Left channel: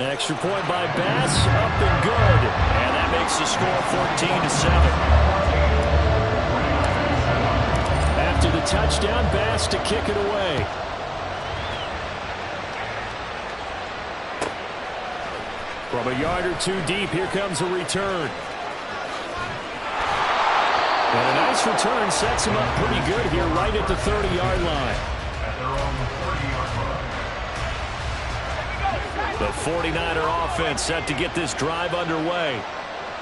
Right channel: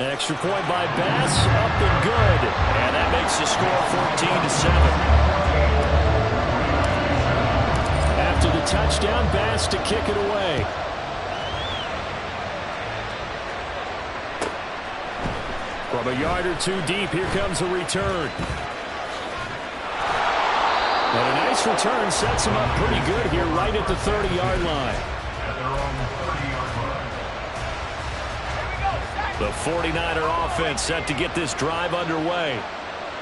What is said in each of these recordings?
Extra point by Bass, up and good. And that makes the score 14-7. After the touchdown, Bass to kick it away. From a yard or two deep, here comes a return. And a nice return sets him up pretty good here right at the 30-yard line. At their own 30-yard line. The 49er offense set to get this drive underway.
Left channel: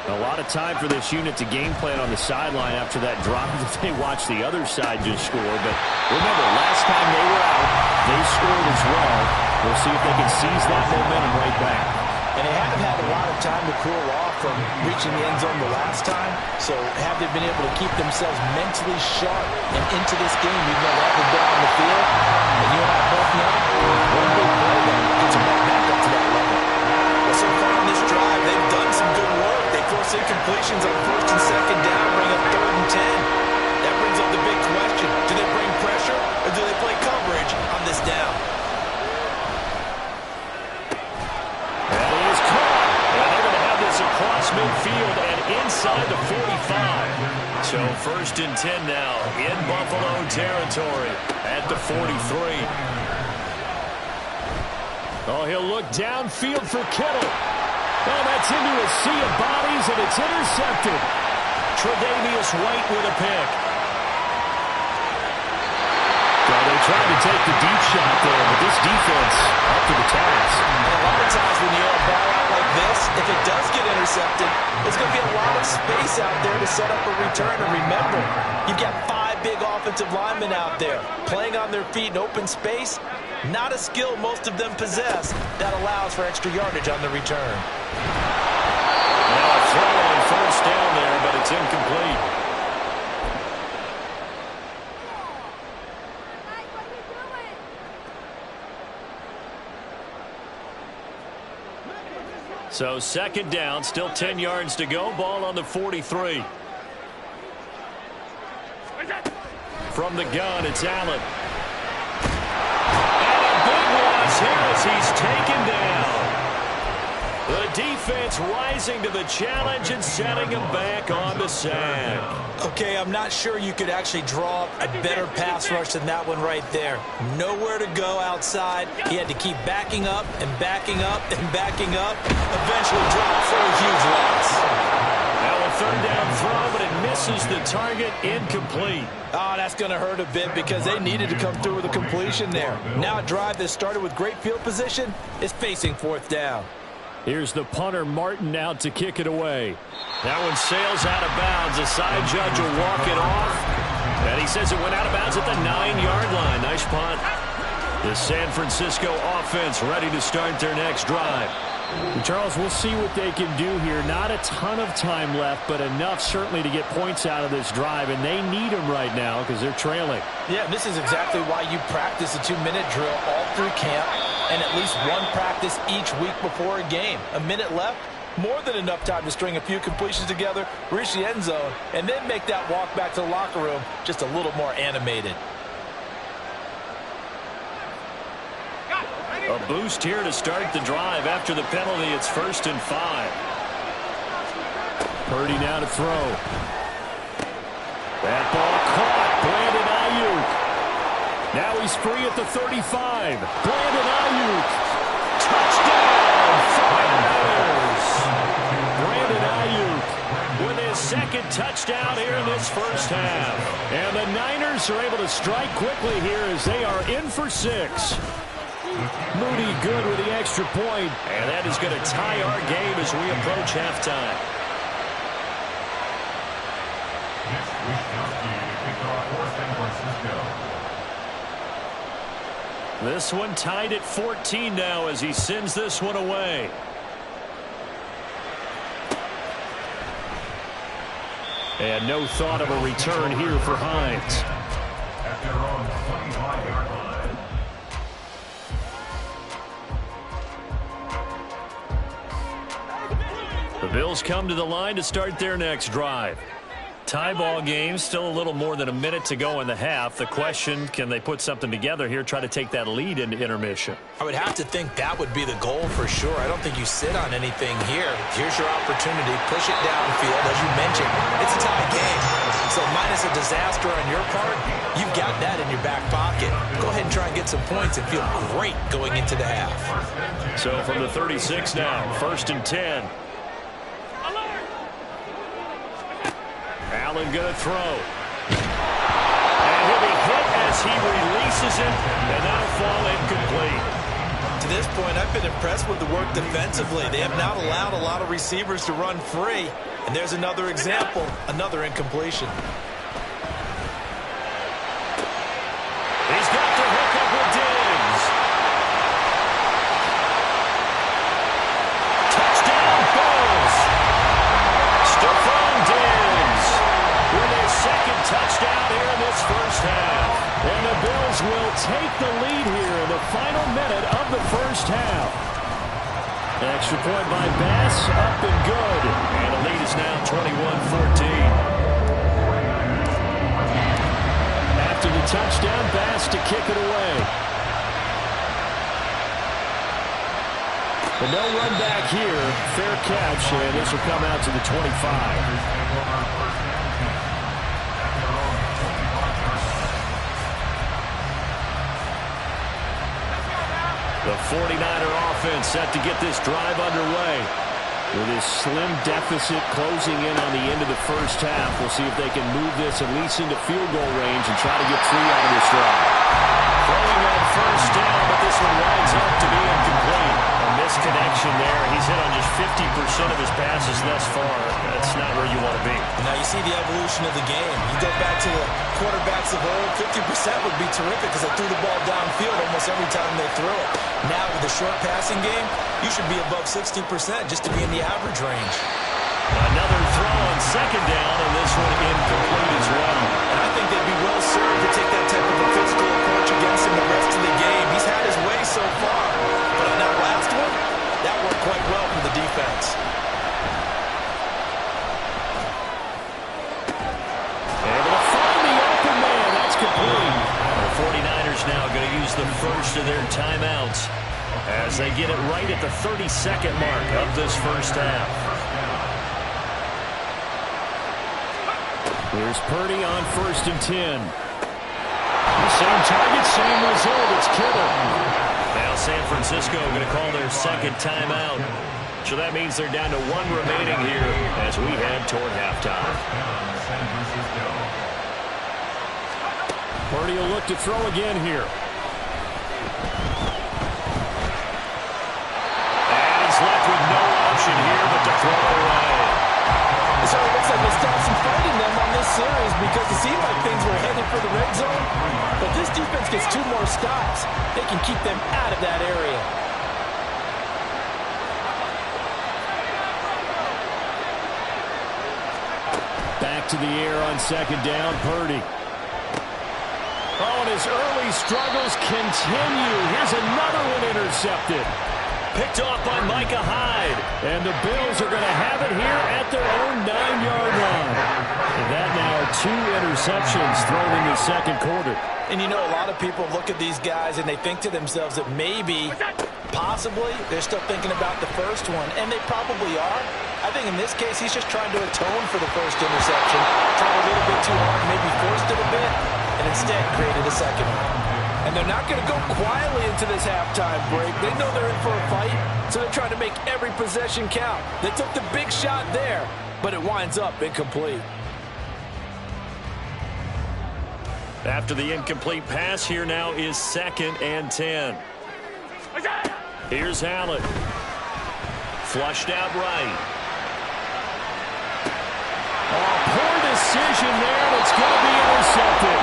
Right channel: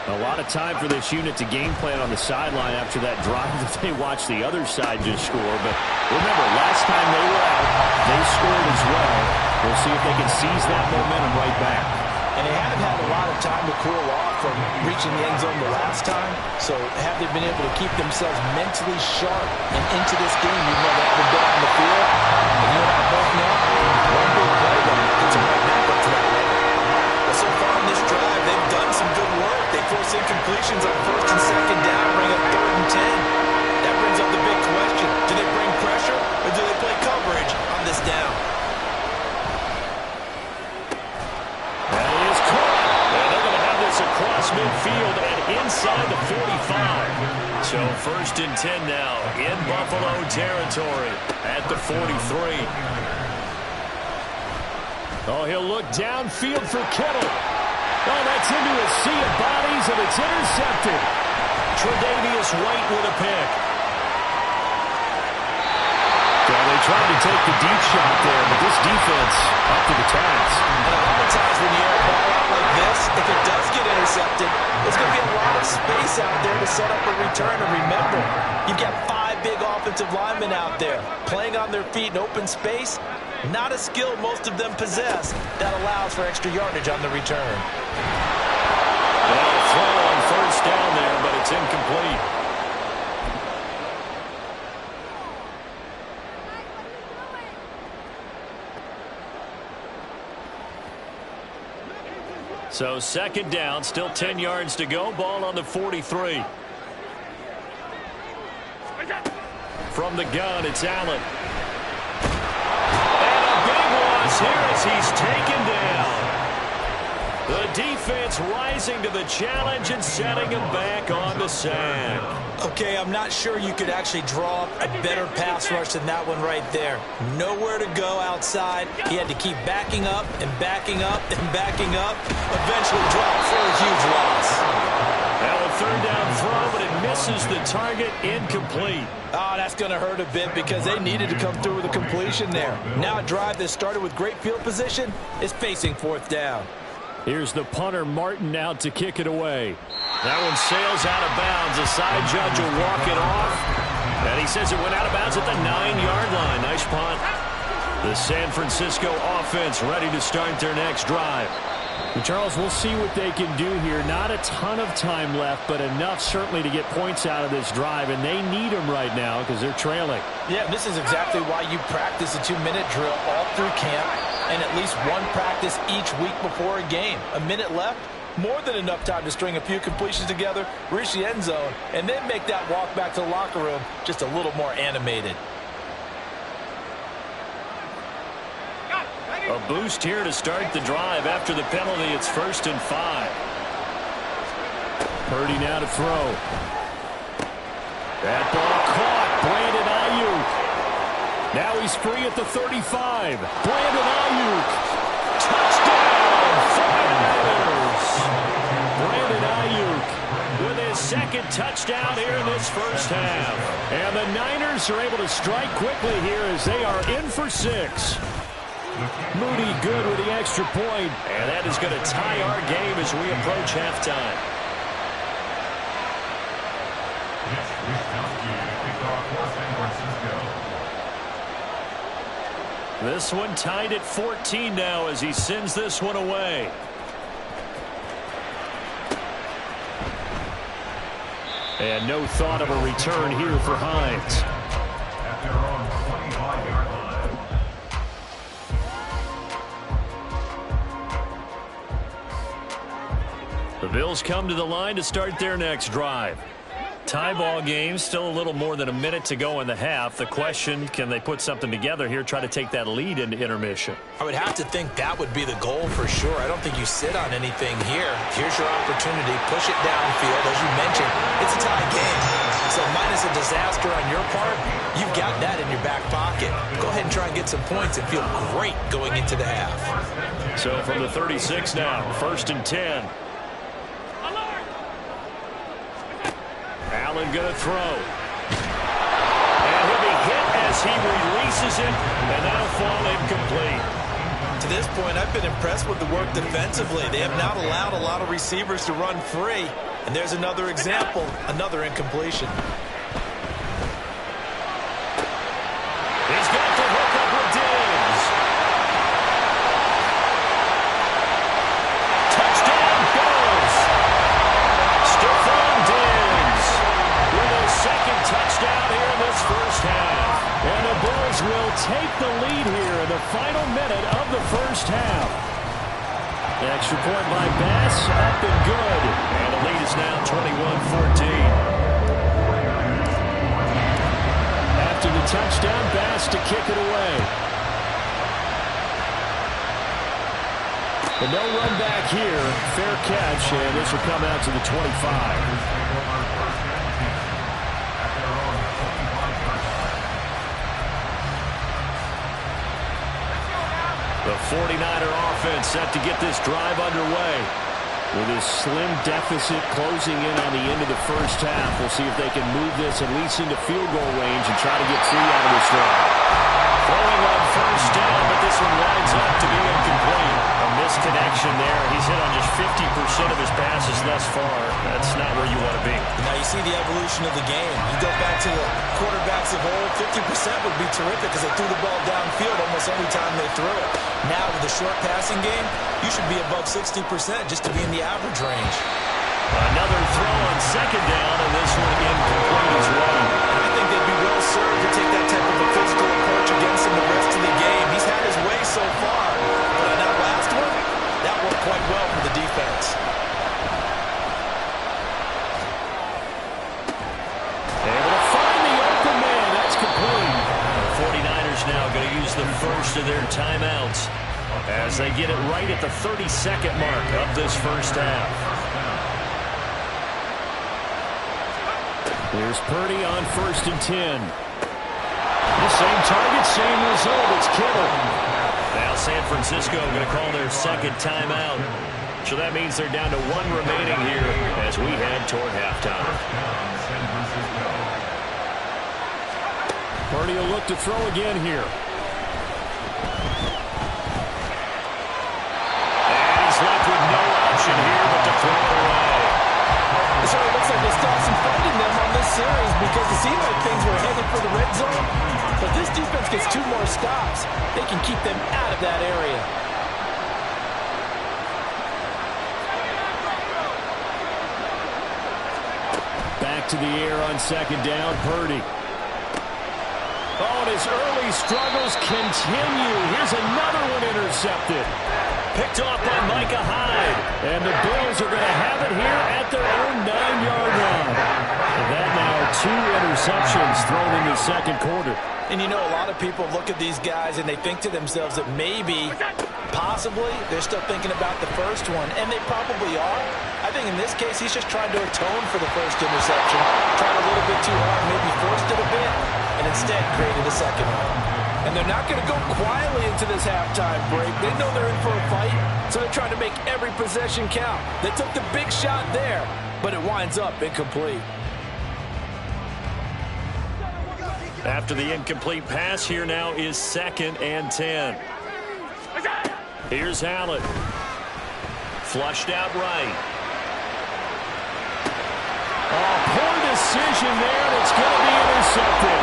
A lot of time for this unit to game plan on the sideline after that drive that they watched the other side just score. But remember, last time they were out, they scored as well. We'll see if they can seize that momentum right back. And they haven't had a lot of time to cool off from reaching the end zone the last time. So have they been able to keep themselves mentally sharp and into this game even though they haven't been on the field? And you and I both know one big play then gets them right back up to that level. Well, so far in this drive, they've done some good work. They force incompletions on first and second down, bring up 3rd and 10. That brings up the big question. Do they bring pressure or do they play coverage on this down? That is caught. And they're going to have this across midfield and inside the 45. So 1st and 10 now in Buffalo territory at the 43. Oh, he'll look downfield for Kittle. Oh, that's into a sea of bodies, and it's intercepted. Tre'Davious White with a pick. So they tried to take the deep shot there, but this defense up to the task. And a lot of times when you air a ball out like this, if it does get intercepted, there's going to be a lot of space out there to set up a return. And remember, you've got 5 big offensive linemen out there playing on their feet in open space. Not a skill most of them possess that allows for extra yardage on the return. Now a throw on 1st down there, but it's incomplete. So 2nd down, still 10 yards to go. Ball on the 43. From the gun, it's Allen. And a big one here as he's taken down. The defense rising to the challenge and setting him back on the sack. Okay, I'm not sure you could actually draw up a better pass rush than that one right there. Nowhere to go outside. He had to keep backing up and backing up and backing up. Eventually dropped for a huge loss. Now a 3rd down throw, but it misses the target. Incomplete. Oh, that's going to hurt a bit because they needed to come through with a completion there. Now a drive that started with great field position is facing 4th down. Here's the punter, Martin, out to kick it away. That one sails out of bounds. The side judge will walk it off. And he says it went out of bounds at the 9-yard line. Nice punt. The San Francisco offense ready to start their next drive. Charles, we'll see what they can do here. Not a ton of time left, but enough certainly to get points out of this drive, and they need them right now because they're trailing. Yeah, this is exactly why you practice a 2-minute drill all through camp and at least one practice each week before a game. A minute left, more than enough time to string a few completions together, reach the end zone, and then make that walk back to the locker room just a little more animated. A boost here to start the drive. After the penalty, it's 1st and 5. Purdy now to throw. That ball caught. Brandon Ayuk. Now he's free at the 35. Brandon Ayuk. Touchdown, 49ers. Brandon Ayuk with his 2nd touchdown here in this 1st half. And the Niners are able to strike quickly here as they are in for 6. Moody good with the extra point, and that is going to tie our game as we approach halftime. Mitch Wishnowsky to kick off for San Francisco. This one tied at 14 now as he sends this one away. And no thought of a return here for Hines. At their own 25-yard line. The Bills come to the line to start their next drive. Tie ball game, still a little more than a minute to go in the half. The question, can they put something together here, try to take that lead into intermission? I would have to think that would be the goal for sure. I don't think you sit on anything here. Here's your opportunity. Push it downfield. As you mentioned, it's a tie game. So minus a disaster on your part, you've got that in your back pocket. Go ahead and try and get some points and feel great going into the half. So from the 36 now, 1st and 10. Allen going to throw. And he'll be hit as he releases it, and that'll fall incomplete. To this point, I've been impressed with the work defensively. They have not allowed a lot of receivers to run free. And there's another example, another incompletion. He's got to hook up with Diggs. Touchdown, Bills. Stephon Diggs with his second touchdown here in this first half. And the Bills will take the lead here in the final minute of the first half. Extra point by Bass, up and good. And the lead is now 21-14. After the touchdown, Bass to kick it away. But no run back here. Fair catch, and this will come out to the 25. The 49er offense set to get this drive underway. With his slim deficit closing in on the end of the first half, we'll see if they can move this at least into field goal range and try to get 3 out of this drive. Throwing on first down, but this one winds up to be incomplete. A misconnection there. He's hit on just 50% of his passes thus far. That's not where you want to be. Now you see the evolution of the game. You go back to the quarterbacks of old, 50% would be terrific because they threw the ball downfield almost every time they threw it. Now with the short passing game, you should be above 60% just to be in the average range. Another throw on second down, and this one incomplete as well. And I think they'd be well served to take that type of a physical approach against him the rest of the game. He's had his way so far, but on that last one, that worked quite well for the defense. Able to find the open man. That's complete. The 49ers now going to use the first of their timeouts as they get it right at the 32nd mark of this first half. Here's Purdy on 1st and 10. The same target, same result. It's Kittle. Now San Francisco going to call their second timeout. So that means they're down to 1 remaining here as we head toward halftime. Purdy will look to throw again here. And he's left with no option here but to throw it away. It certainly looks like they stopped some fight in them on this series because it seemed like things were headed for the red zone. But this defense gets 2 more stops. They can keep them out of that area. Back to the air on second down, Purdy. Oh, and his early struggles continue. Here's another one intercepted. Picked off by Micah Hyde. And the Bills are going to have it here at their own 9-yard line. And that now 2 interceptions thrown in the second quarter. And you know, a lot of people look at these guys and they think to themselves that maybe, possibly, they're still thinking about the first one. And they probably are. I think in this case, he's just trying to atone for the first interception. Tried a little bit too hard, maybe forced it a bit, and instead created a second one. And they're not going to go quietly into this halftime break. They know they're in for a fight, so they're trying to make every possession count. They took the big shot there, but it winds up incomplete. After the incomplete pass, here now is 2nd and 10. Here's Allen. Flushed out right. Oh, poor decision there, and it's going to be intercepted.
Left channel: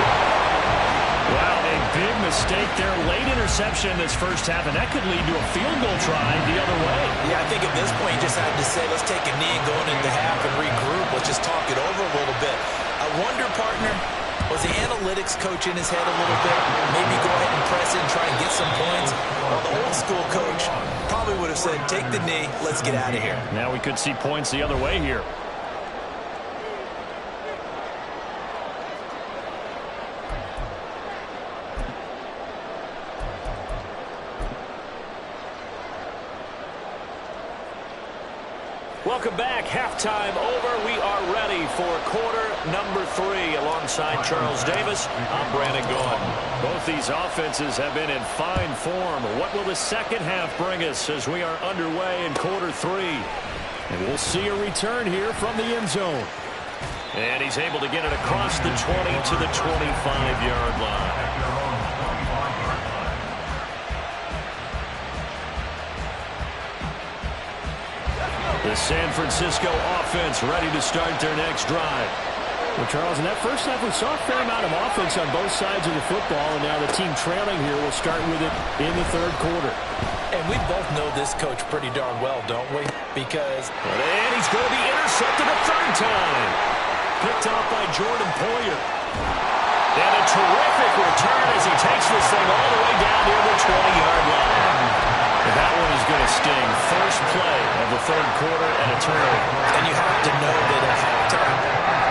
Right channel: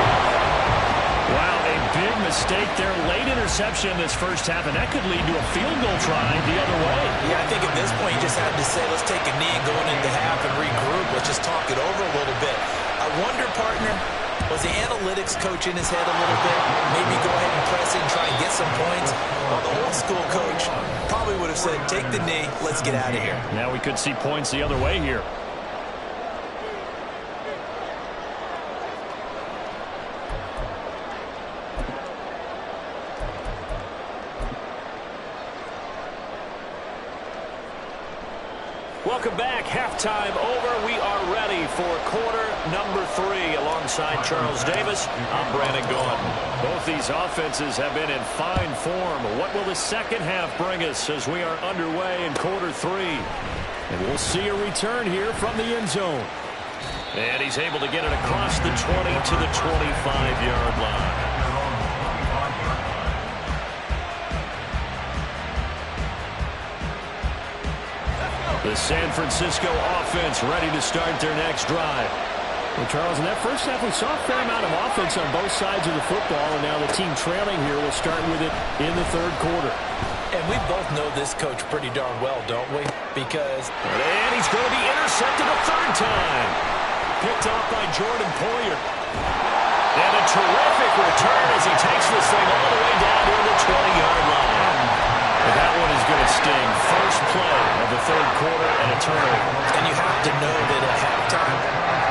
Wow, a big mistake there. Late interception in this first half, and that could lead to a field goal try the other way. Yeah, I think at this point you just had to say, let's take a knee and go into half and regroup. Let's just talk it over a little bit. I wonder, partner, was the analytics coach in his head a little bit? Maybe go ahead and press it and try and get some points? Well, the old school coach probably would have said, take the knee, let's get out of here. Now we could see points the other way here. Welcome back. Halftime over. We are ready for quarter number 3. Alongside Charles Davis, I'm Brandon Gaudin. Both these offenses have been in fine form. What will the second half bring us as we are underway in quarter 3? And we'll see a return here from the end zone. And he's able to get it across the 20 to the 25-yard line. The San Francisco offense ready to start their next drive. Well, Charles, in that first half, we saw a fair amount of offense on both sides of the football, and now the team trailing here will start with it in the third quarter. And we both know this coach pretty darn well, don't we? Because... And he's going to be intercepted a third time. Picked off by Jordan Poyer. And a terrific return as he takes this thing all the way down near the 20-yard line. That one is going to sting. First play of the third quarter and a turnover. And you have to know that at halftime,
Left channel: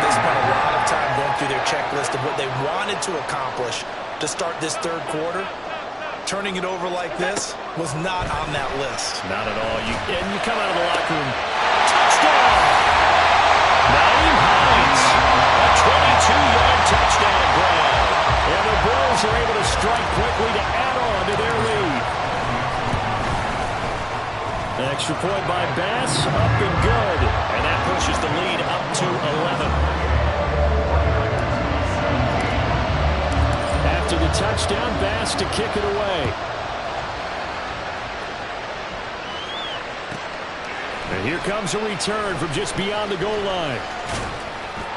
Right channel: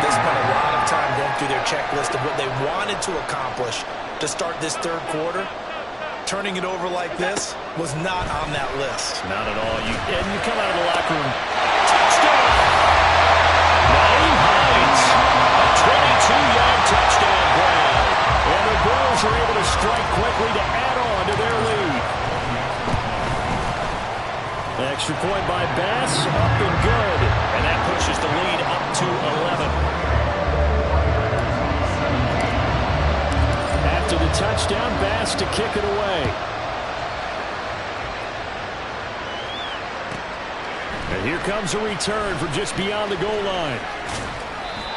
they spent a lot of time going through their checklist of what they wanted to accomplish to start this third quarter. Turning it over like this was not on that list. Not at all. And you come out of the locker room. Touchdown! Naeem Hines. A 22-yard touchdown grab. And the Bills are able to strike quickly to add on to their lead. Extra point by Bass, up and good. And that pushes the lead up to 11. After the touchdown, Bass to kick it away. And here comes a return from just beyond the goal line.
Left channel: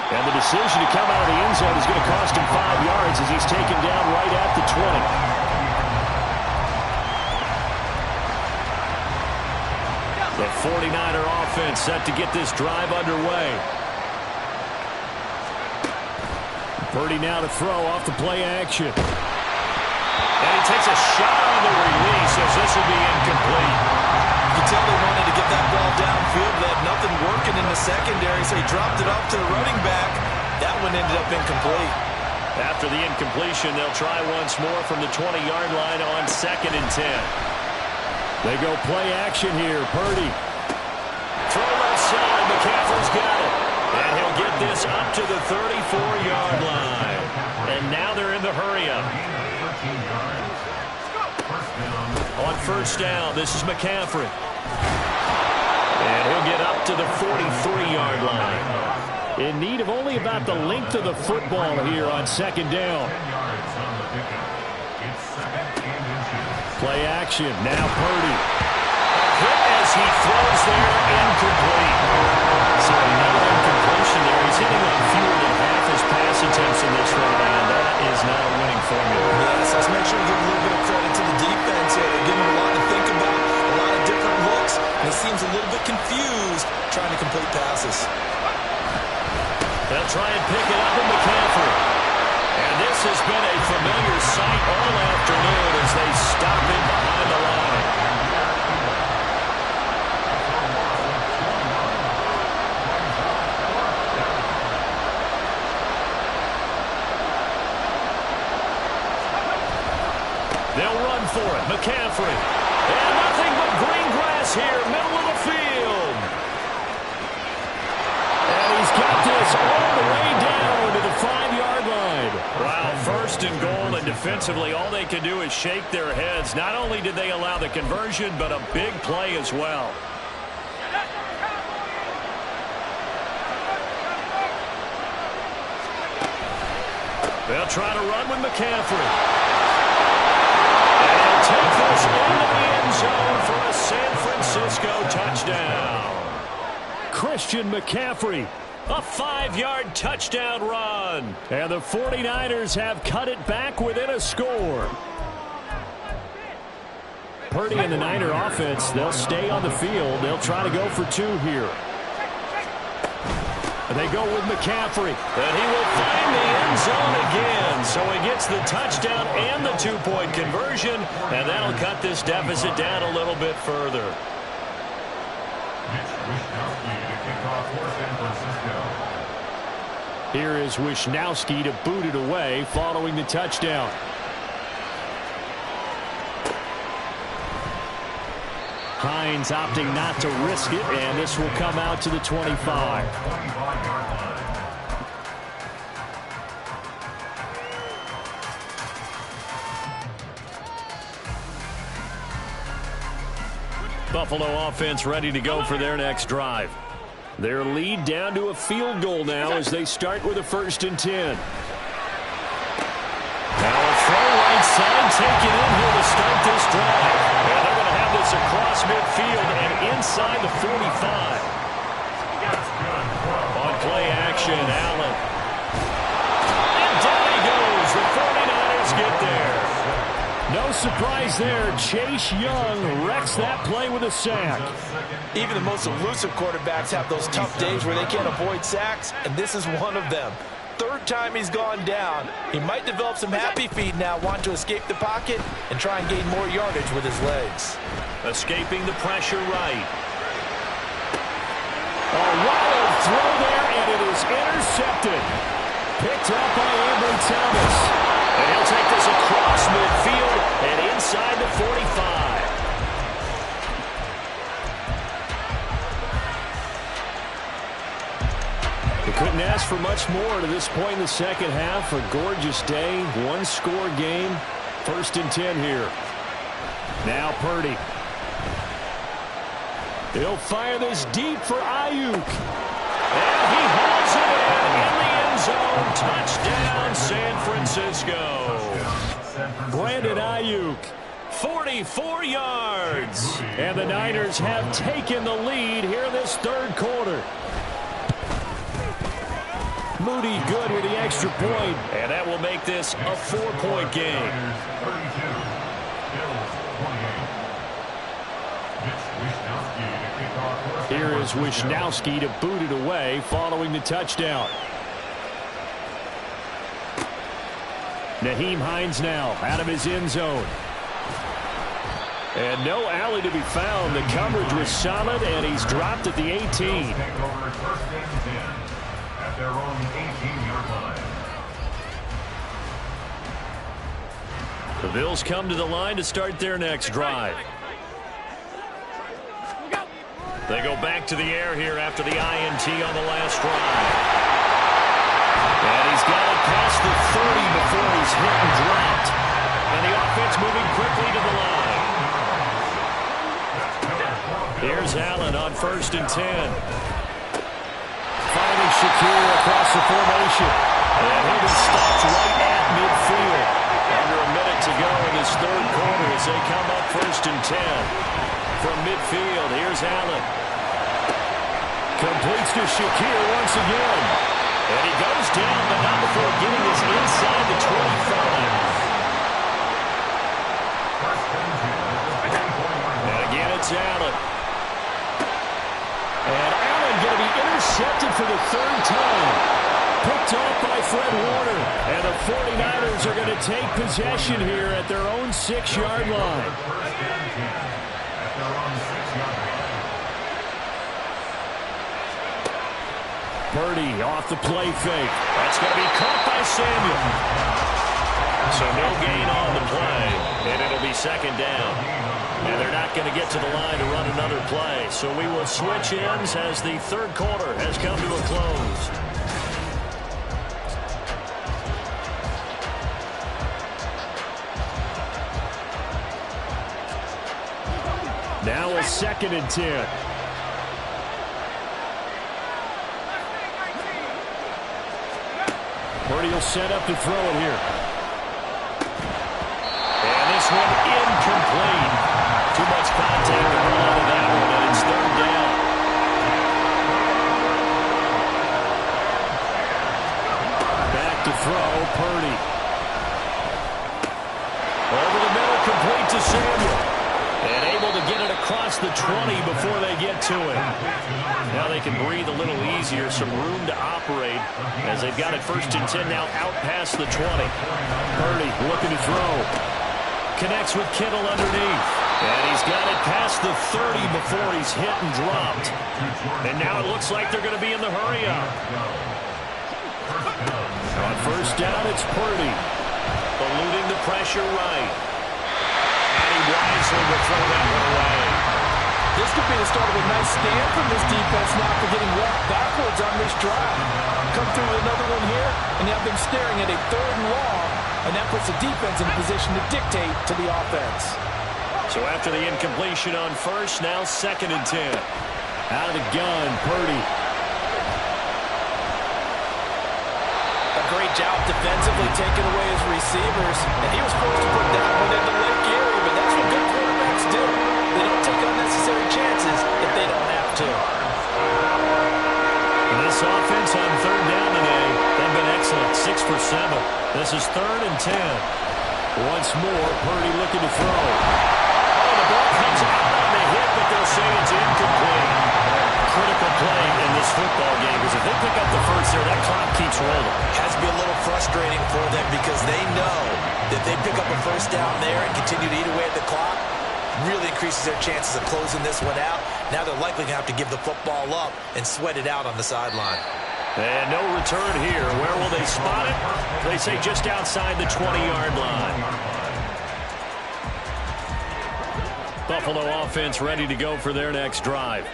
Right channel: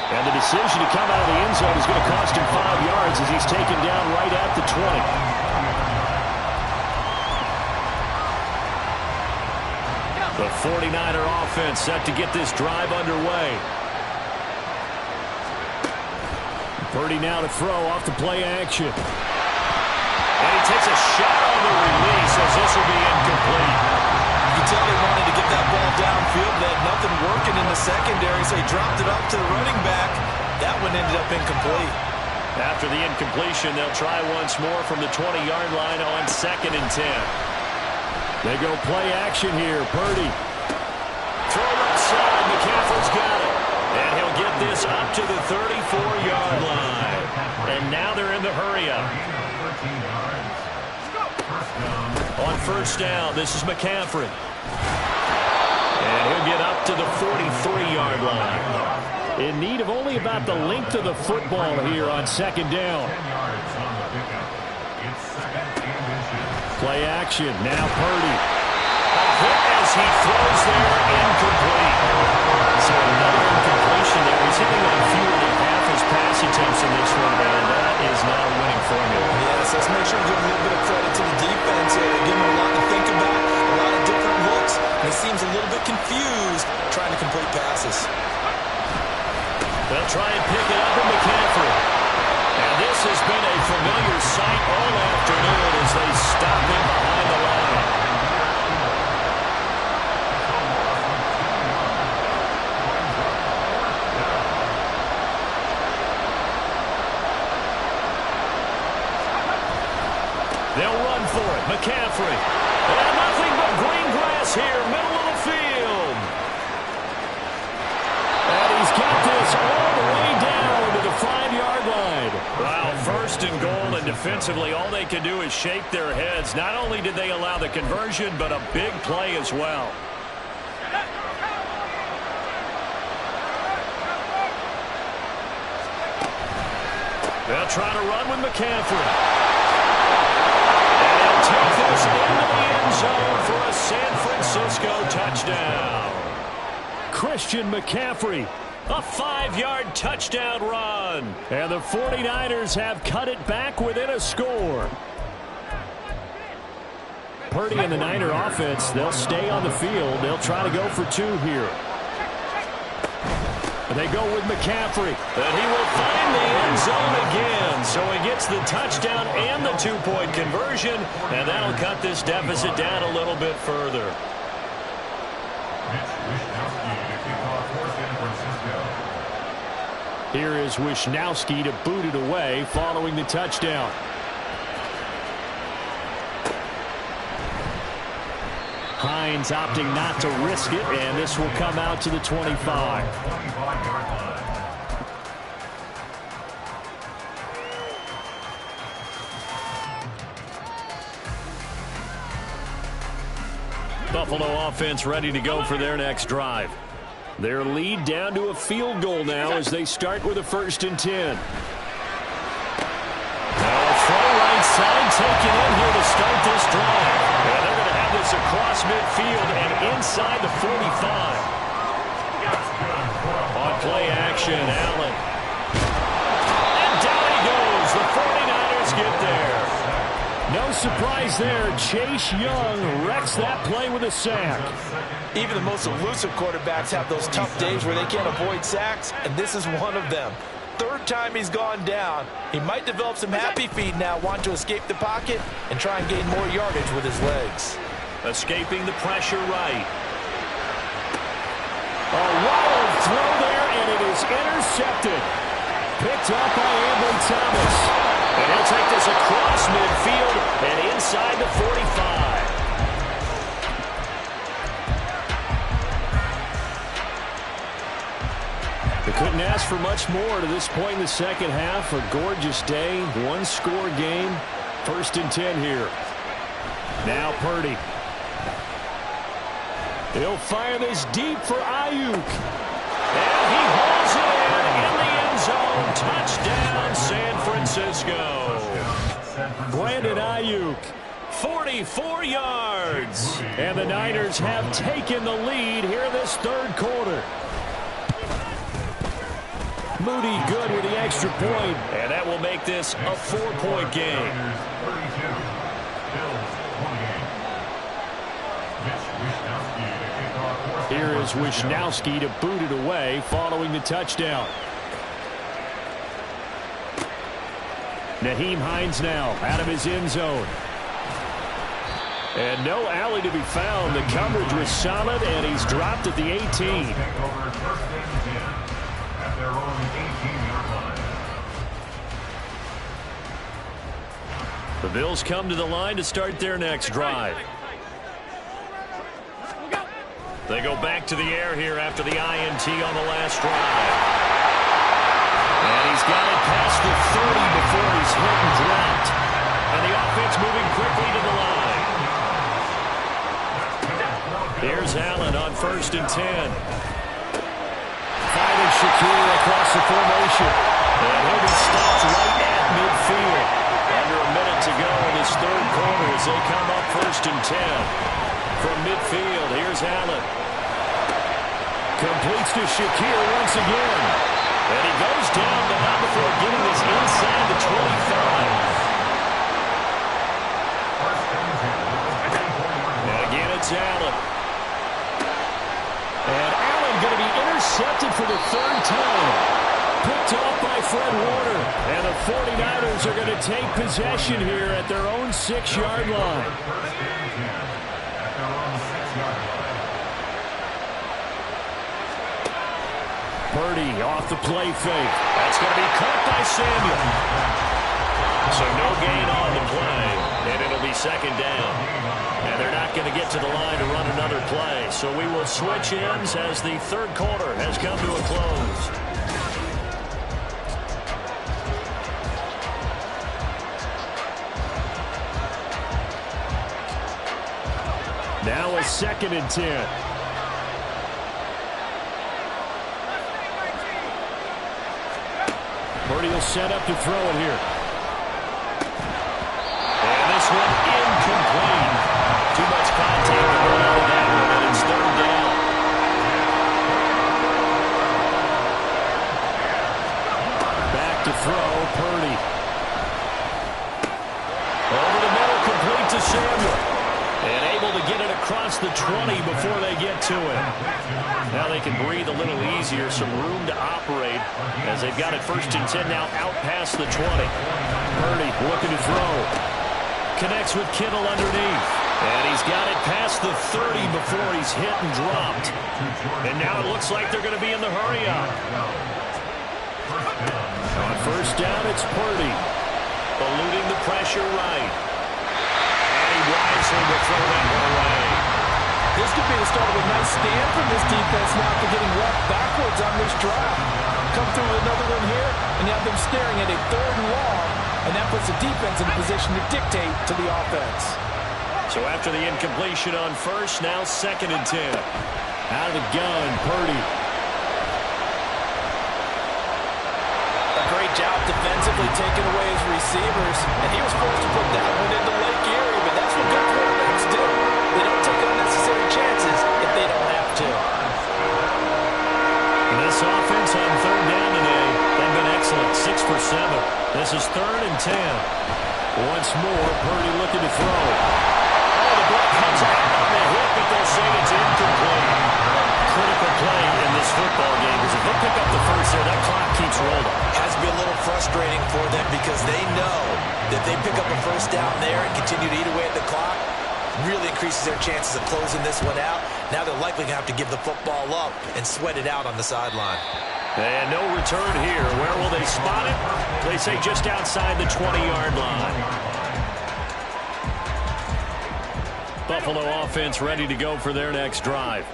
And the decision to come out of the end zone is going to cost him 5 yards as he's taken down right at the 20. The 49er offense set to get this drive underway. Purdy now to throw off the play action. And he takes a shot on the release as this will be incomplete. You can tell they wanted to get that ball downfield. They had nothing working in the secondary, so he dropped it off to the running back. That one ended up incomplete. After the incompletion, they'll try once more from the 20-yard line on 2nd and 10. They go play action here. Purdy. Throw left side. McCaffrey's got it. And he'll get this up to the 34-yard line. And now they're in the hurry-up. On first down, this is McCaffrey. And he'll get up to the 43-yard line. In need of only about the length of the football here on 2nd down. Play action. Now Purdy. A hit as he throws there, incomplete. So another incompletion there. He's hitting on fewer than half his pass attempts in this one, and that is not a winning formula. Yes, let's make sure to give a little bit of credit to the defense here. They're giving him a lot to think about, a lot of different looks, and he seems a little bit confused trying to complete passes. They'll try and pick it up with McCaffrey. And this has been a familiar sight all afternoon as they stop him behind the line. They'll run for it. McCaffrey. And nothing but green grass here, middle of the field. And he's got this all the way down to the 5-yard line. Wow, 1st and goal, and defensively all they can do is shake their heads. Not only did they allow the conversion, but a big play as well. They'll try to run with McCaffrey. And he'll take this into the end zone for a San Francisco touchdown. Christian McCaffrey, a 5-yard touchdown run. And the 49ers have cut it back within a score. Purdy and the Niner offense, they'll stay on the field. They'll try to go for 2 here. They go with McCaffrey. And he will find the end zone again. So he gets the touchdown and the 2-point conversion. And that'll cut this deficit down a little bit further. Here is Wishnowsky to boot it away following the touchdown. Hines opting not to risk it, and this will come out to the 25. Buffalo offense ready to go for their next drive. Their lead down to a field goal now as they start with a 1st and 10. Now a throw right side taken in here to start this drive. And they're going to have this across midfield and inside the 45. On play action, Allen. And down he goes. The 49ers get there. No surprise there. Chase Young wrecks that play with a sack. Even the most elusive quarterbacks have those tough days where they can't avoid sacks, and this is one of them. 3rd time he's gone down. He might develop some happy feet now, want to escape the pocket and try and gain more yardage with his legs. Escaping the pressure right. A wild throw there, and it is intercepted. Picked up by Ambry Thomas. And he'll take this across midfield and inside the 45. They couldn't ask for much more to this point in the second half. A gorgeous day, 1-score game. 1st and 10 here. Now Purdy. He'll fire this deep for Ayuk. And he holds it in the end zone. Touchdown, San Francisco. Brandon Ayuk. 44 yards. And the Niners have taken the lead here in this 3rd quarter. Moody good with the extra point. And that will make this a 4-point game. Here is Wishnowsky to boot it away following the touchdown. Nyheim Hines now out of his end zone. And no alley to be found. The coverage was solid, and he's dropped at the 18. Their own 18-yard line. The Bills come to the line to start their next drive. They go back to the air here after the INT on the last drive. And he's got it past the 30 before he's hit and dropped. And the offense moving quickly to the line. Here's Allen on 1st and 10. Finding Shakir across the formation. And he'll be stopped right at midfield. Under a minute to go in this 3rd quarter as they come up 1st and 10. From midfield, here's Allen. Completes to Shakir once again. And he goes down, but not before getting this inside the 25. And again, it's Allen. And Allen going to be intercepted for the 3rd time. Picked off by Fred Warner. And the 49ers are going to take possession here at their own 6-yard line. Purdy off the play fake. That's going to be caught by Samuel. So no gain on the play, and it'll be 2nd down. And they're not going to get to the line to run another play. So we will switch ends as the 3rd quarter has come to a close. Now a 2nd and 10. Purdy will set up to throw it here. And this one incomplete. Too much contact to run out of that one, and it's 3rd down. Back to throw, Purdy. Over the middle, complete to Samuel. And able to get it across the 20 before they get to it. Now they can breathe a little easier, some room to operate as they've got it 1st and 10 now out past the 20. Purdy looking to throw. Connects with Kittle underneath. And he's got it past the 30 before he's hit and dropped. And now it looks like they're going to be in the hurry-up. On 1st down, it's Purdy. Eluding the pressure right. And he wisely will throw that one away. This could be the start of a nice stand from this defense now after getting walked backwards on this drive. Come through with another one here, and now they're staring at a 3rd and long, and that puts the defense in a position to dictate to the offense. So after the incompletion on first, now 2nd and 10. Out of the gun, Purdy. A great job defensively taking away his receivers, and he was forced to put that one into Lake Erie, but that's what good quarterbacks do. They don't take unnecessary chances if they don't have to. And this offense on 3rd down today, they've been excellent, 6 for 7. This is 3rd and 10. Once more, Purdy looking to throw. Oh, the ball comes out on the hit, but they'll say it's incomplete. Critical play in this football game, because if they pick up the first there, that clock keeps rolling. Has to be a little frustrating for them because they know that they pick up a first down there and continue to eat away at the clock, really increases their chances of closing this one out. Now they're likely going to have to give the football up and sweat it out on the sideline. And no return here. Where will they spot it? They say just outside the 20-yard line. Buffalo offense ready to go for their next drive.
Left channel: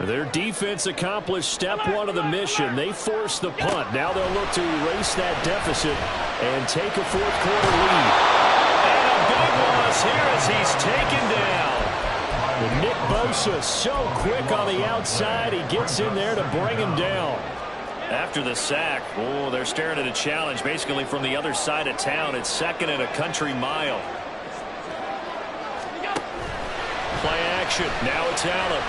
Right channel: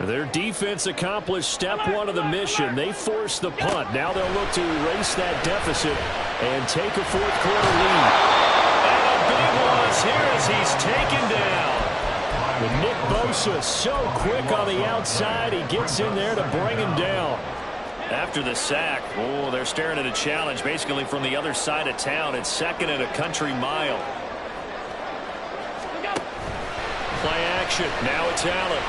Their defense accomplished step 1 of the mission. They forced the punt. Now they'll look to erase that deficit and take a 4th quarter lead. And a big loss here as he's taken down. And Nick Bosa so quick on the outside. He gets in there to bring him down. After the sack, oh, they're staring at a challenge basically from the other side of town. It's 2nd and a country mile. Play action. Now it's Allen.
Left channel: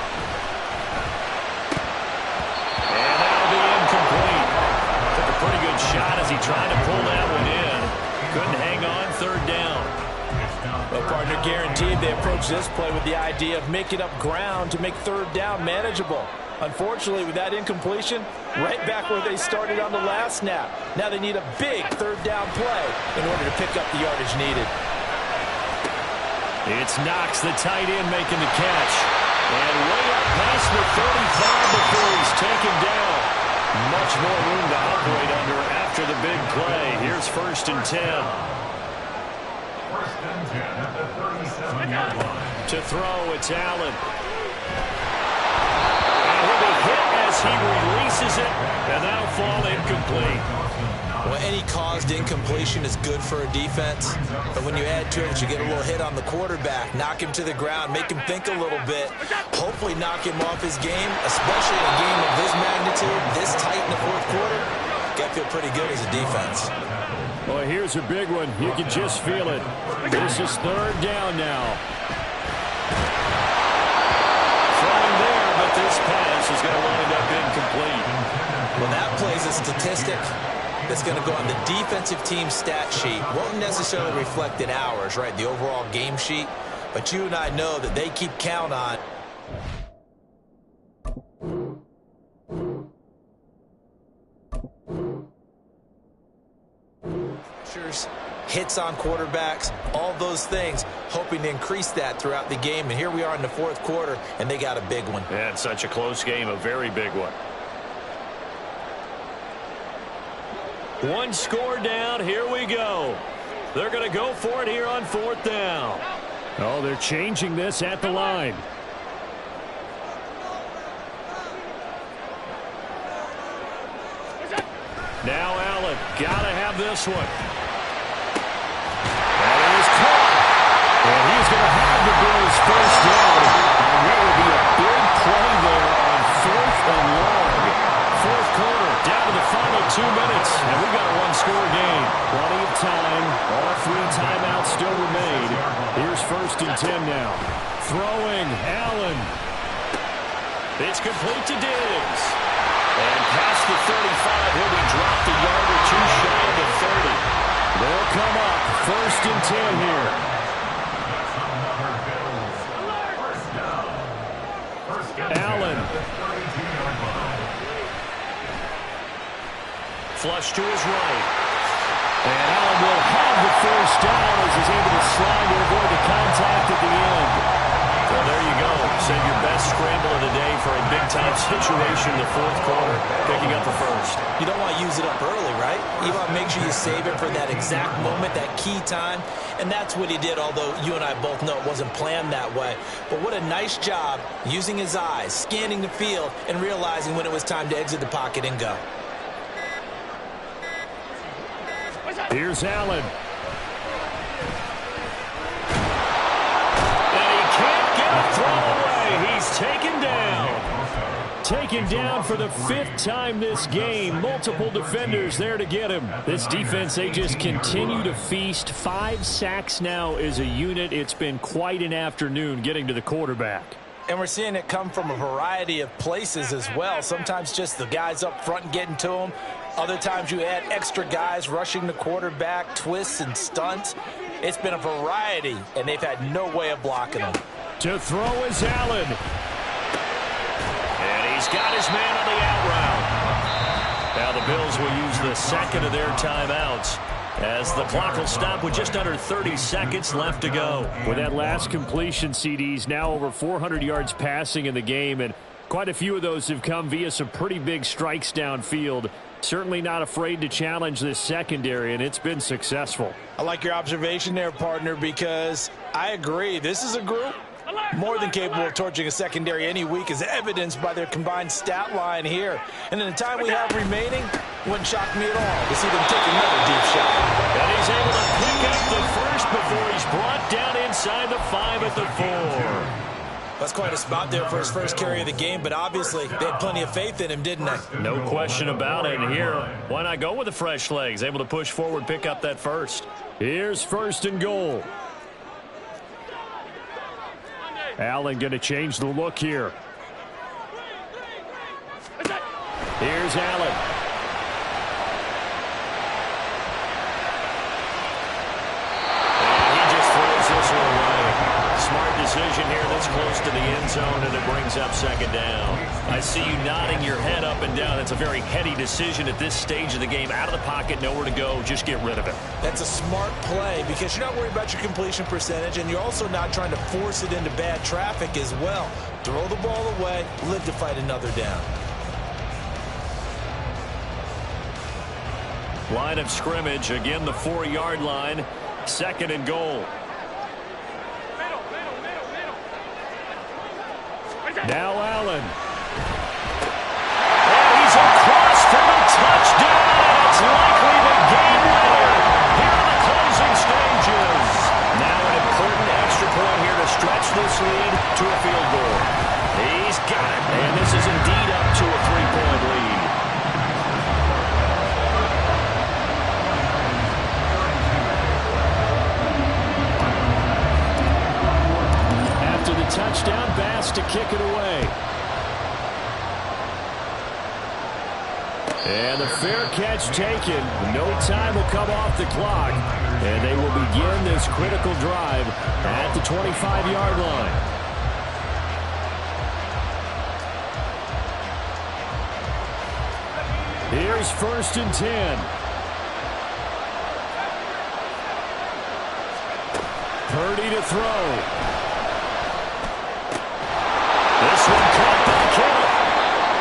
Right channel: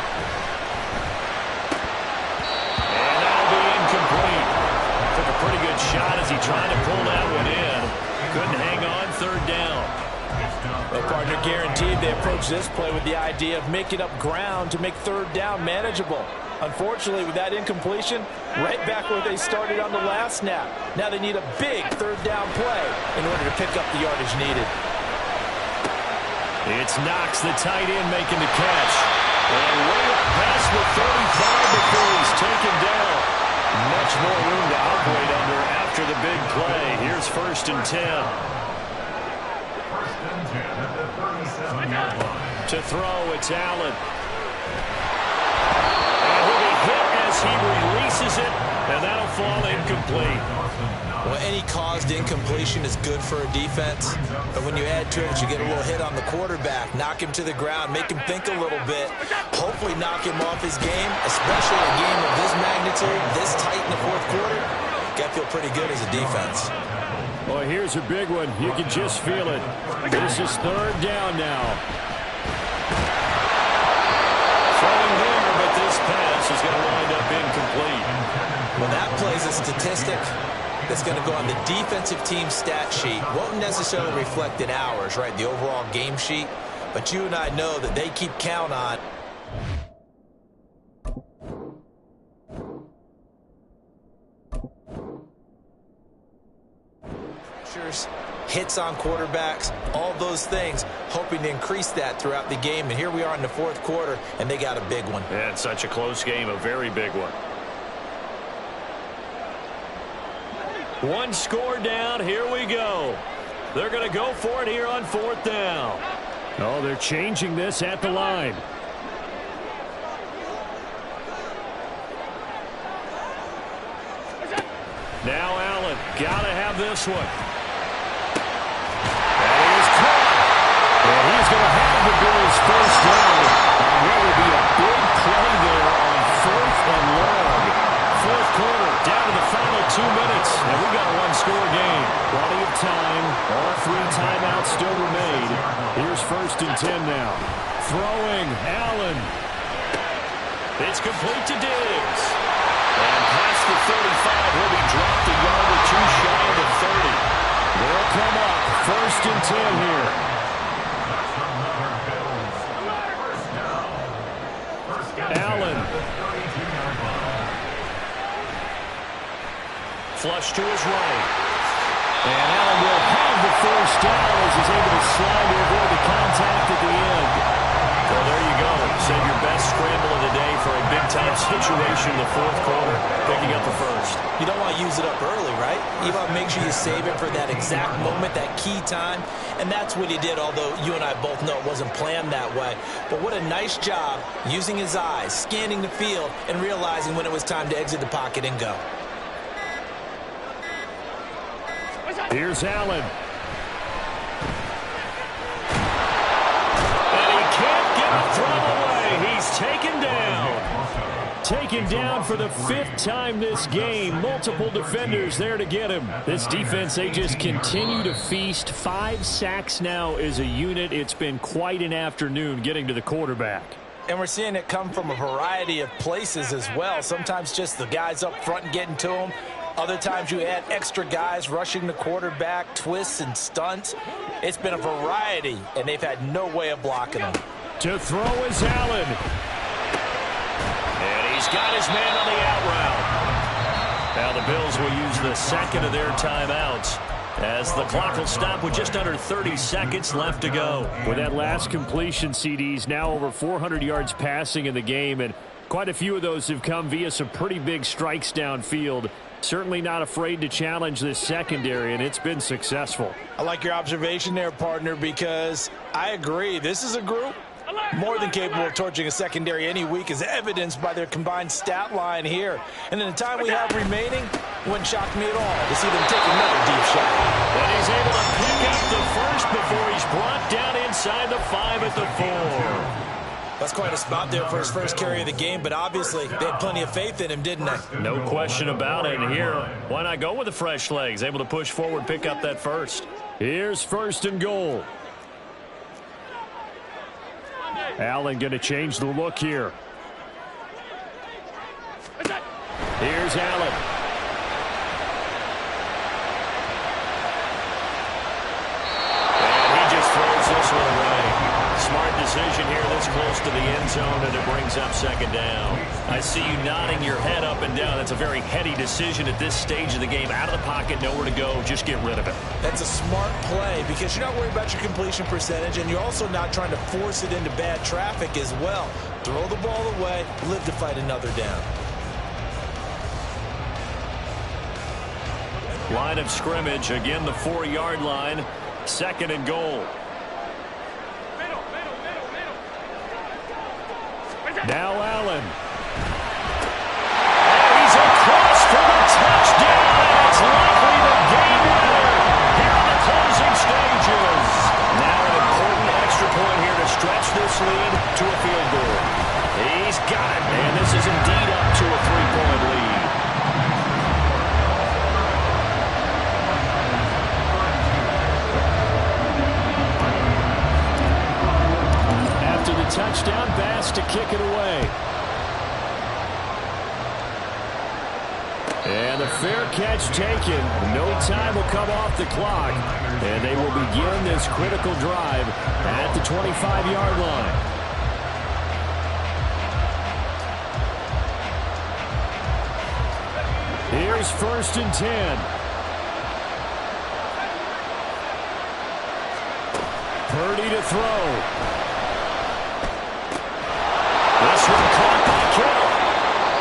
And that'll be incomplete. Took a pretty good shot as he tried to pull that one in. Couldn't hang on, 3rd down. Well, partner, guaranteed they approach this play with the idea of making up ground to make 3rd down manageable. Unfortunately, with that incompletion, right back where they started on the last snap. Now they need a big 3rd down play in order to pick up the yardage needed. It's Knox, the tight end, making the catch. And way up past the 35 before he's taken down. Much more room to operate under after the big play. Here's 1st and 10. 1st and 10 at the 37-yard line. To throw, it's Allen. And he'll be hit as he releases it, and that'll fall incomplete. Well, any caused incompletion is good for a defense, but when you add to it, you get a little hit on the quarterback, knock him to the ground, make him think a little bit, hopefully knock him off his game, especially in a game of this magnitude, this tight in the 4th quarter. Got to feel pretty good as a defense. Well, here's a big one. You can just feel it. This is 3rd down now. Throwing there, but this pass is going to wind up incomplete. Well, that plays a statistic that's going to go on the defensive team stat sheet. Won't necessarily reflect in ours, right, the overall game sheet. But you and I know that they keep count on pressures, hits on quarterbacks, all those things, hoping to increase that throughout the game. And here we are in the 4th quarter, and they got a big one. Yeah, it's such a close game, a very big one. One score down, here we go. They're going to go for it here on 4th down. Oh, they're changing this at the line. Now Allen, gotta have this one. That is caught. And he's going to have the Bills' 1st down. And what will be a big play there on 4th and long. 4th quarter, down to the final 2 minutes. And we've got a 1-score game. Plenty of time. All 3 timeouts still remain. Here's 1st and 10 now. Throwing, Allen. It's complete to Diggs. And past the 35, he'll be dropped a yard or 2 shy of the 30. They'll come up 1st and 10 here. Allen. Flush to his right. And Allen will have the 1st down as he's able to slide to avoid the contact at the end. Well, there you go. Save your best scramble of the day for a big-time situation in the fourth quarter, picking up the first. You don't want to use it up early, right? You want to make sure you save it for that exact moment, that key time. And that's what he did, although you and I both know it wasn't planned that way. But what a nice job using his eyes, scanning the field, and realizing when it was time to exit the pocket and go. Here's Allen. And he can't get a throw away. He's taken down. Taken down for the 5th time this game. Multiple defenders there to get him. This defense, they just continue to feast. 5 sacks now as a unit. It's been quite an afternoon getting to the quarterback. And we're seeing it come from a variety of places as well. Sometimes just the guys up front and getting to him. Other times you add extra guys rushing the quarterback, twists and stunts. It's been a variety, and they've had no way of blocking him. To throw is Allen. And he's got his man on the out route. Now the Bills will use the second of their timeouts as the clock will stop with just under 30 seconds left to go. With that last completion, CDs now over 400 yards passing in the game, and quite a few of those have come via some pretty big strikes downfield. Certainly not afraid to challenge this secondary, and it's been successful. I like your observation there, partner, because I agree. This is a group more than capable of torching a secondary any week, as evidenced by their combined stat line here. And in the time we have remaining, wouldn't shock me at all to see them take another deep shot. And he's able to pick up the first before he's brought down inside the 5 at the 4. That's quite a spot there for his first carry of the game, but obviously they had plenty of faith in him, didn't they? No question about it. And here, why not go with the fresh legs? Able to push forward, pick up that first. Here's 1st and goal. Allen going to change the look here. Here's Allen. And he just throws this one away. Smart decision here this close to the end zone, and it brings up 2nd down. I see you nodding your head up and down. That's a very heady decision at this stage of the game. Out of the pocket, nowhere to go. Just get rid of it. That's a smart play because you're not worried about your completion percentage, and you're also not trying to force it into bad traffic as well. Throw the ball away, live to fight another down. Line of scrimmage, again the 4-yard line. 2nd and goal. Now Allen. And he's across for the touchdown, and it's likely the game winner here in the closing stages. Now an important extra point here to stretch this lead to a field goal. He's got it, and this is indeed up to a 3-point lead. Touchdown, Bass to kick it away. And the fair catch taken. No time will come off the clock. And they will begin this critical drive at the 25-yard line. Here's 1st and 10. Purdy to throw. This one caught by Kittle.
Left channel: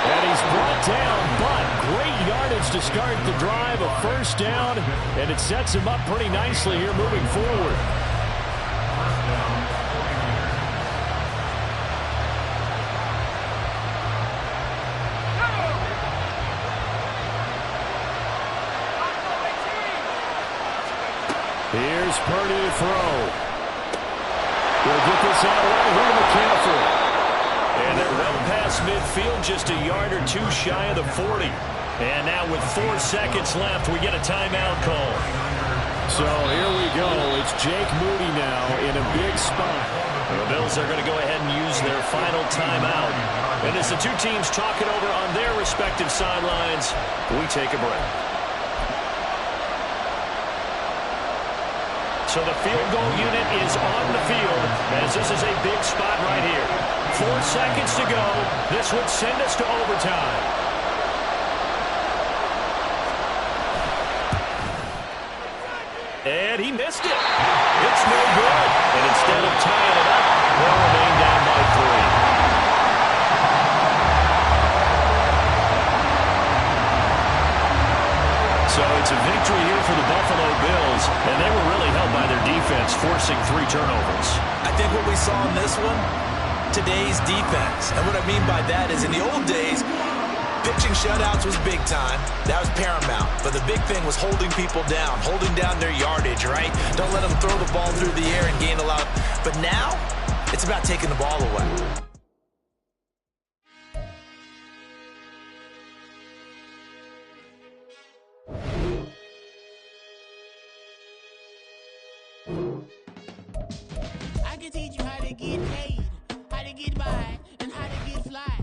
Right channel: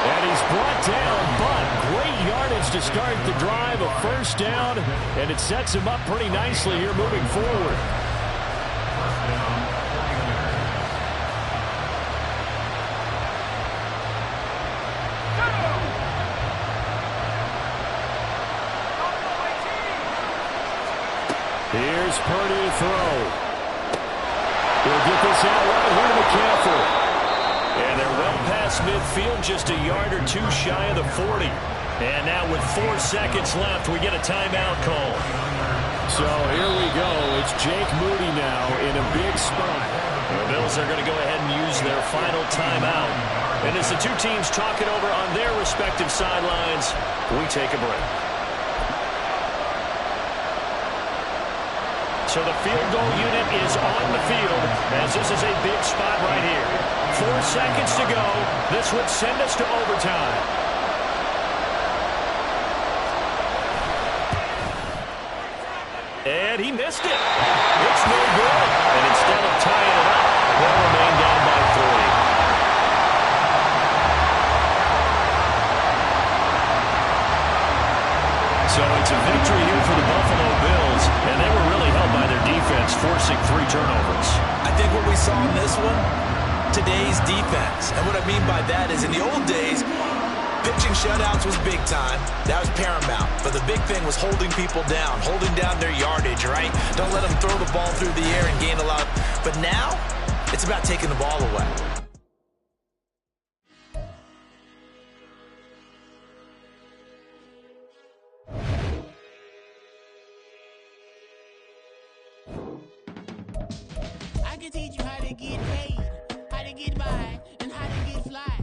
And he's brought down, but great yardage to start the drive, a 1st down, and it sets him up pretty nicely here moving forward. Here's Purdy to throw. He'll get this out right here to McCaffrey. And they're well past midfield, just a yard or two shy of the 40. And now with 4 seconds left, we get a timeout call. So here we go. It's Jake Moody now in a big spot. The Bills are going to go ahead and use their final timeout. And as the two teams talk it over on their respective sidelines, we take a break. So the field goal unit is on the field as this is a big spot right here. 4 seconds to go. This would send us to overtime. And he missed it. It's no good. And instead of tying it up, they'll remain down by 3. victory here for the Buffalo Bills, and they were really held by their defense, forcing 3 turnovers. I think what we saw in this one, today's defense. And what I mean by that is in the old days, pitching shutouts was big time. That was paramount. But the big thing was holding people down, holding down their yardage, right? Don't let them throw the ball through the air and gain a lot. But now, it's about taking the ball away. I can teach you how to get paid, how to get by, and how to get fly.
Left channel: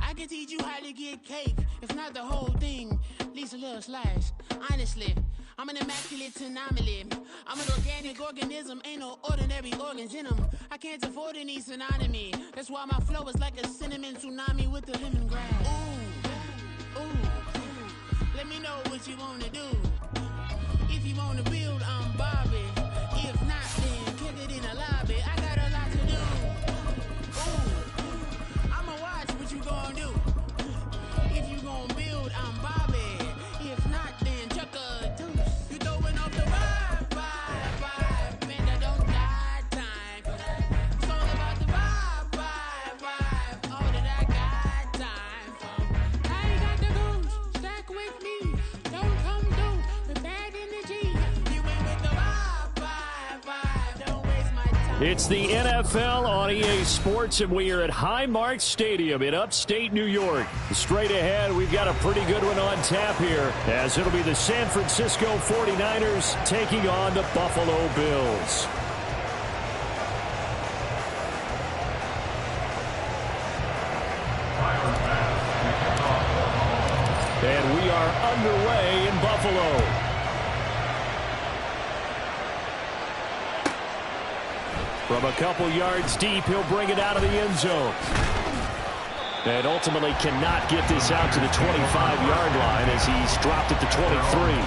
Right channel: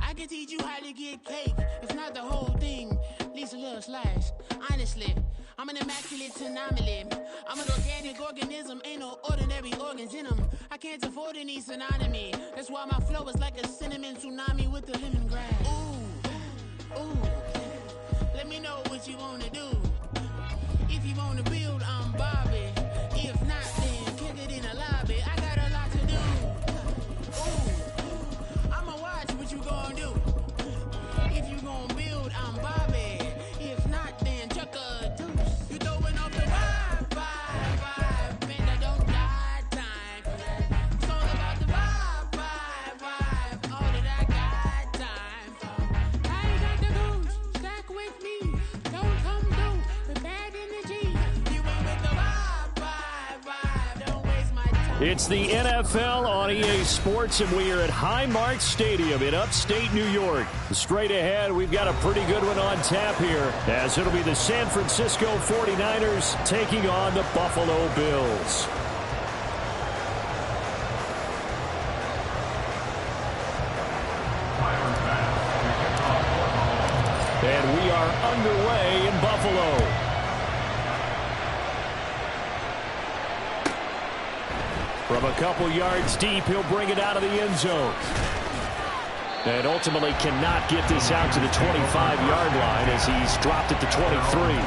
I can teach you how to get cake, if not the whole thing, at least a little slice. Honestly, I'm an immaculate anomaly. I'm an organic organism, ain't no ordinary organs in them. I can't afford any synonymy. That's why my flow is like a cinnamon tsunami with the lemongrass. Ooh, ooh, let me know what you wanna do. If you wanna build, I'm Bobby. If not, then kick it in the lobby. I got a lot to do. Ooh, I'ma watch what you gonna do. If you gonna build, I'm Bobby. If not, then chuck a deuce. You throwing off the vibe, man, I don't die time. It's all about the vibe, all that I got time. I ain't got the goose, stack with me. Don't come through with bad energy. You ain't with the vibe, don't waste my time. It's the NFL on EA Sports, and we are at Highmark Stadium in upstate New York. Straight ahead, we've got a pretty good one on tap here, as it'll be the San Francisco 49ers taking on the Buffalo Bills. And we are underway in Buffalo. From a couple yards deep, he'll bring it out of the end zone. And ultimately cannot get this out to the 25-yard line as he's dropped at the 23.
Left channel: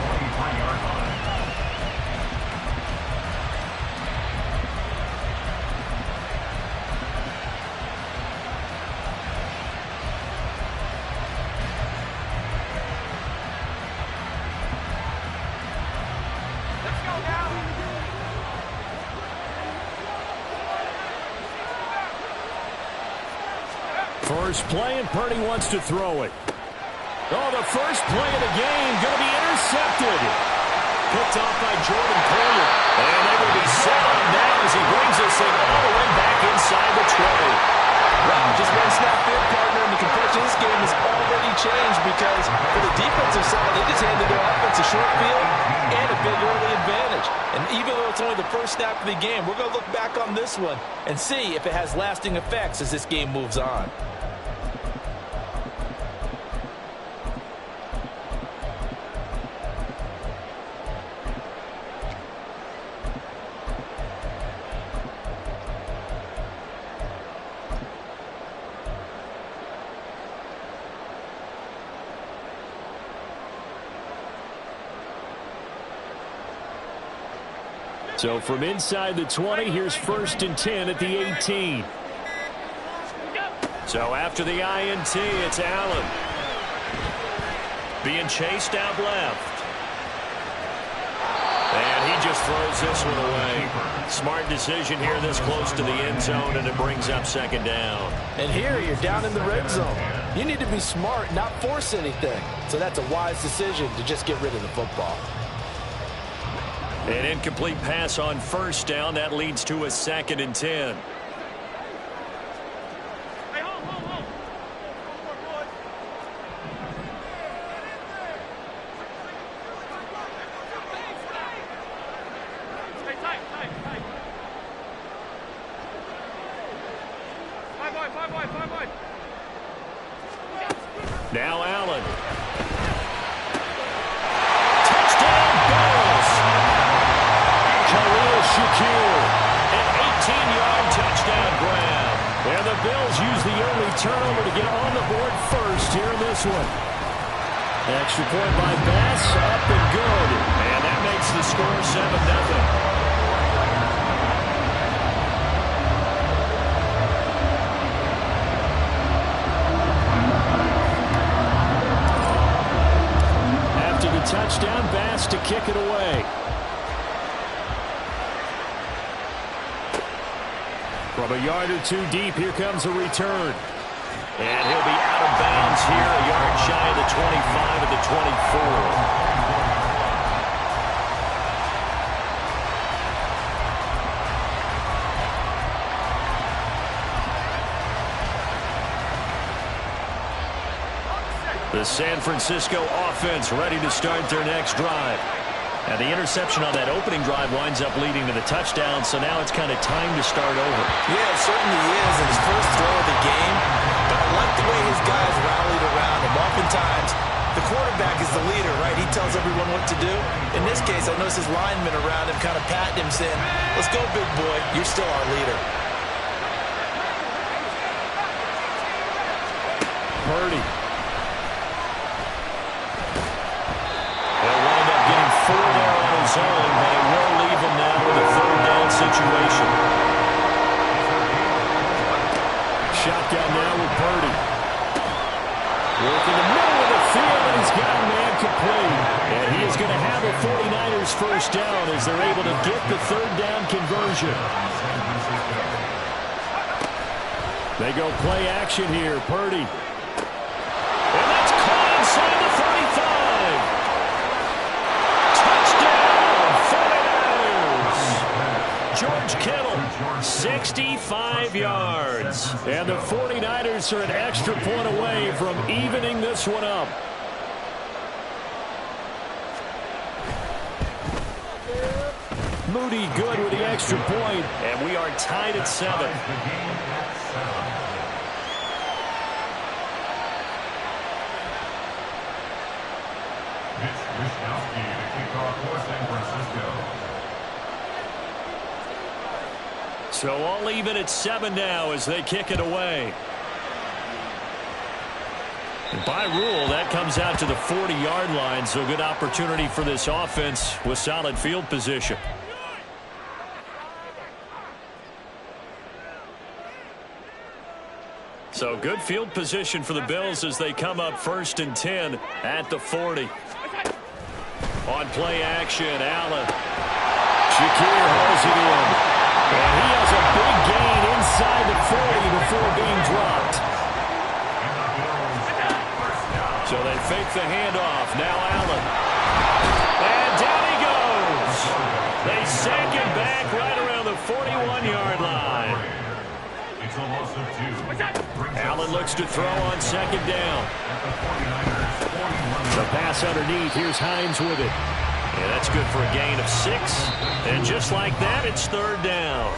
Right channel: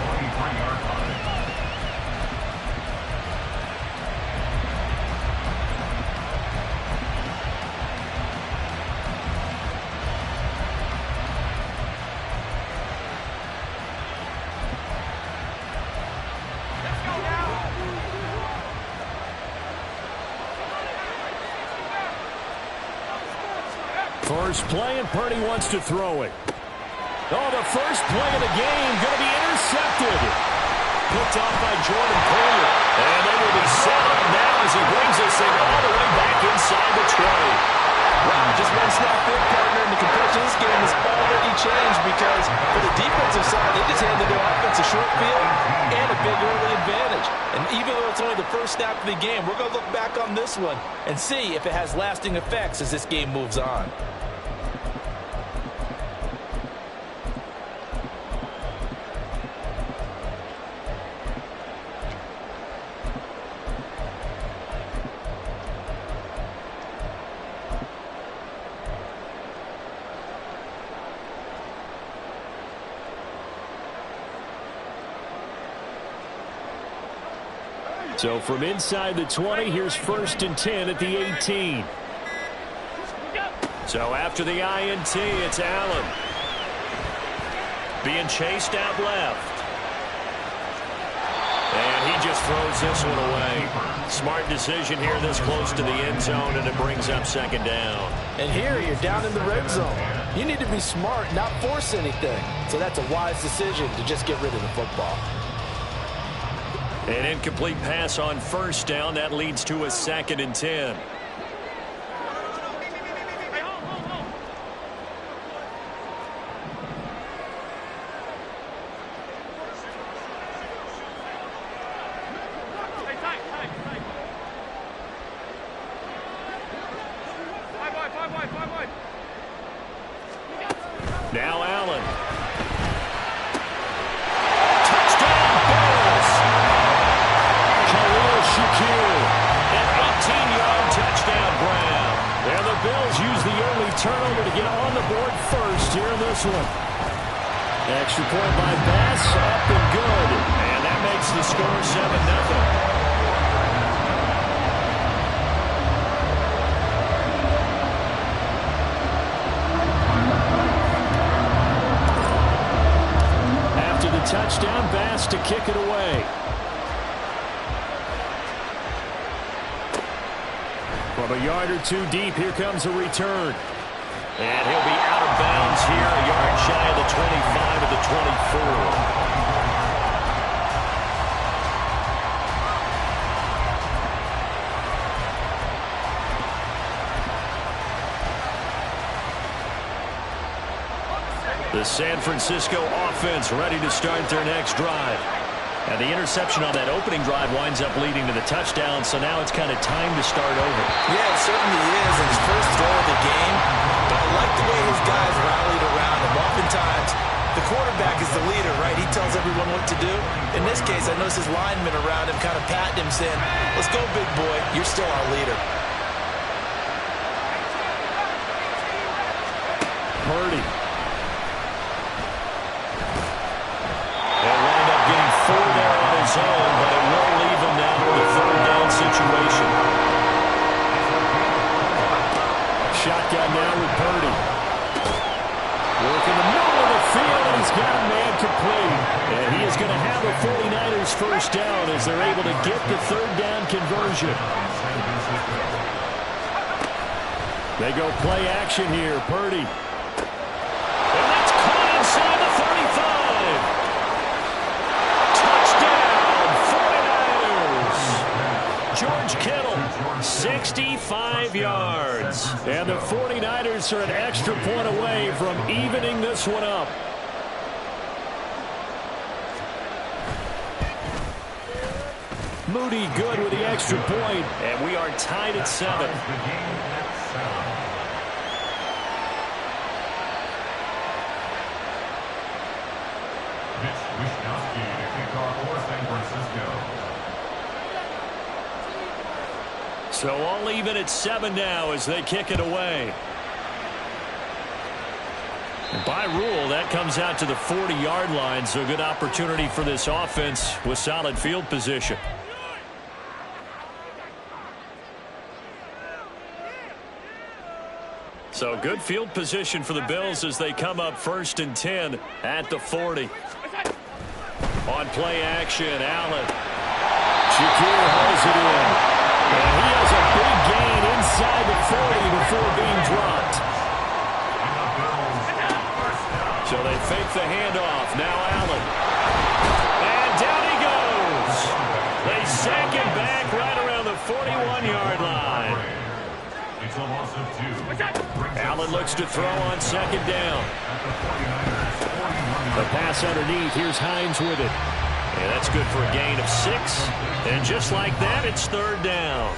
First play, and Purdy wants to throw it. Oh, the first play of the game going to be intercepted. Picked off by Jordan Poyer. And they will be set on now as he brings this thing all the way back inside the 20. Wow, just one snap in, partner, and the complexion of this game has already changed because for the defensive side, they just handed their offense a short field and a big early advantage. And even though it's only the first snap of the game, we're going to look back on this one and see if it has lasting effects as this game moves on. So from inside the 20, here's 1st and 10 at the 18. So after the INT, it's Allen. Being chased out left. And he just throws this one away. Smart decision here this close to the end zone, and it brings up 2nd down. And here you're down in the red zone. You need to be smart, not force anything. So that's a wise decision to just get rid of the football. An incomplete pass on 1st down. That leads to a 2nd and 10. Now Allen. Touchdown Bills. Khalil Shakir, an 18-yard touchdown grab. And the Bills use the early turnover to get on the board first here in this one. Extra point by Bass, up and good. And that makes the score 7-0. touchdown. Bass to kick it away. From a yard or two deep, here comes a return. And he'll be out of bounds here, a yard shy of the 25 at the 24. The San Francisco offense ready to start their next drive. And the interception on that opening drive winds up leading to the touchdown, so now it's kind of time to start over. Yeah, it certainly is, and his first throw of the game. But I like the way his guys rallied around him. Oftentimes, the quarterback is the leader, right? He tells everyone what to do. In this case, I noticed his linemen around him kind of patting him, saying, let's go, big boy. You're still our leader. Purdy. He'll wind up getting 4 there on his own, but it will leave him now with a third down situation. Shotgun now with Purdy. Work in the middle of the field, and he's got a man complete. And he is going to have a 49ers first down as they're able to get the third down conversion. They go play action here. Purdy. And that's caught inside the 35. George Kittle, 65 yards. And the 49ers are an extra point away from evening this one up. Moody good with the extra point. And we are tied at 7. Mitch Wishnowsky to kick off for San Francisco. So all even at 7 now as they kick it away. And by rule, that comes out to the 40-yard line, so good opportunity for this offense with solid field position. So good field position for the Bills as they come up 1st and 10 at the 40. On play action, Allen. Shakir holds it in. And he has a big gain inside the 40 before being dropped. So they fake the handoff. Now Allen. And down he goes. They sack him back right around the 41-yard line. It's a loss of 2. Allen looks to throw on 2nd down. The pass underneath. Here's Hines with it. And that's good for a gain of 6. And just like that, it's 3rd down.